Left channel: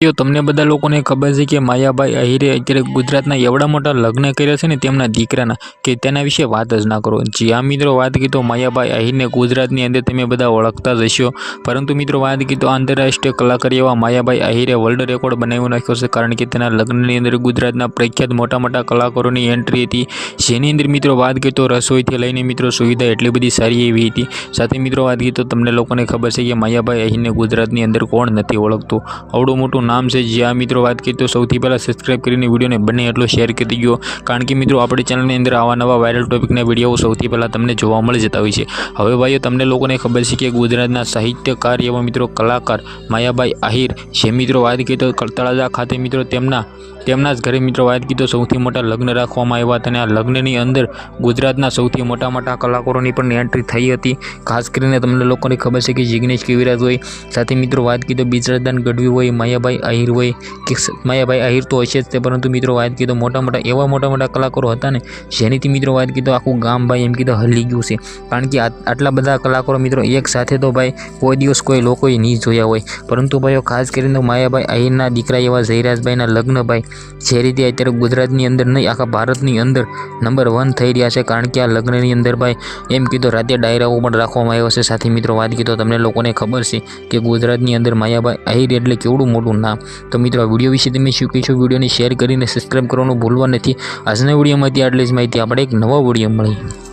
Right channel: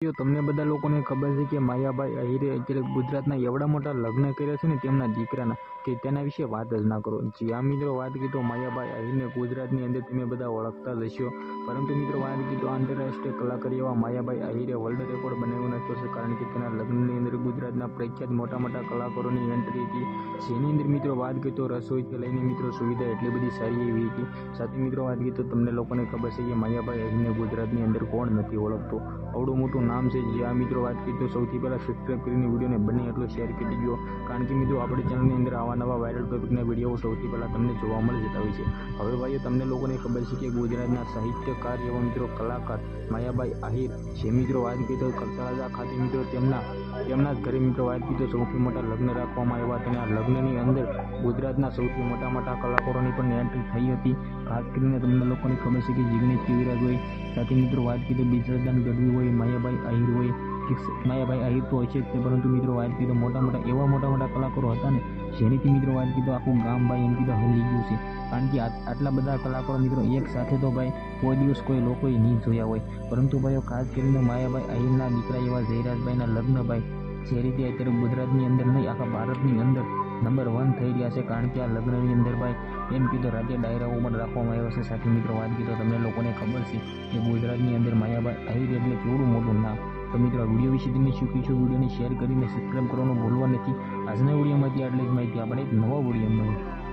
તમને બધા લોકોને ખબર છે કે માયાભાઈ આહિરે અત્યારે ગુજરાતના એવડા મોટા લગ્ન કર્યા છે ને તેમના દીકરાના કે તેના વિશે વાત જ ના કરો। જી આ મિત્રો વાત કીધો માયાભાઈ આહિરને ગુજરાતની અંદર તમે બધા ઓળખતા જ હશો, પરંતુ મિત્રો વાત કીધો આંતરરાષ્ટ્રીય કલાકાર એવા માયાભાઈ આહિરે વર્લ્ડ રેકોર્ડ બનાવી નાખ્યો છે, કારણ કે તેના લગ્નની અંદર ગુજરાતના પ્રખ્યાત મોટા મોટા કલાકારોની એન્ટ્રી હતી, જેની અંદર મિત્રો વાત કીધો રસોઈથી લઈને મિત્રો સુવિધા એટલી બધી સારી એવી હતી। સાથે મિત્રો વાત કીધો તમને લોકોને ખબર છે કે માયાભાઈ આહિરને ગુજરાતની અંદર કોણ નથી ઓળખતું, આવડું મોટું नाम से। जी आ मित्रों बात करिए तो सौथी पहला सब्सक्राइब कर वीडियो ने बने एटलो शेर कर दीजिए, कारण कि मित्रों अपने चैनल अंदर आवा नवा वायरल टॉपिक वीडियो सौथी पहला तमने जोवा मळी जता होय छे। हवे भाईओ तमने लोकोने खबर छे कि गुजरातना साहित्यकार एवा मित्रों कलाकार मायाभाई आहिर जे मित्रों बात करिए तो तळाजा खाते मित्रों तेमना ज घरे मित्रों बात की तो सौथी मोटा लग्न राखवामां आव्या हता, आ लग्ननी अंदर गुजरातना सौथी मोटा मोटा कलाकारोनी पण एंट्री थई हती। खास करीने तमने लोकोने खबर छे कि जिग्नेश कविराज होय, साथे मित्रों बात की तो बिजरदान गढ़वी होय, मायाभाई आहिर होय कि मायाभाई आहिर तो हशे ज, परंतु मित्रों बात की तो मोटा मोटा एवा मोटा मोटा कलाकारो हता ने जेनीथी मित्रों बात की तो आखुं गाम भाई एम कीधुं हली गयुं छे, कारण कि आटला बधा कलाकारो मित्रों एक साथे तो भाई कोई दिवस कोई लोकोए नहीं जोया होय। परंतु भाईओ खास करीने मायाभाई आहिरना दीकरा एवा जयराजभाईना लग्न भाई जे रीते अत्यारे गुजरातनी अंदर नहीं आखा भारतनी अंदर नंबर 1 थई रह्या छे, कारण कि आ लग्ननी अंदर भाई एम कीधुं राते डायराओ पण राखवामां आव्या छे। साथे मित्रों बात कीधुं तमने लोकोने खबर छे कि गुजरातनी अंदर मायाभाई आहिर एटले केवडुं मोटुं नाम। तो मित्रों विडियो विषे तमे शुं कहेशो विडियोने शेर करीने सब्सक्राइब करवानुं भूलवा नहीं। आजना विडियोमांथी आटली ज माहिती, आपणे एक नवा विडियो मळीए।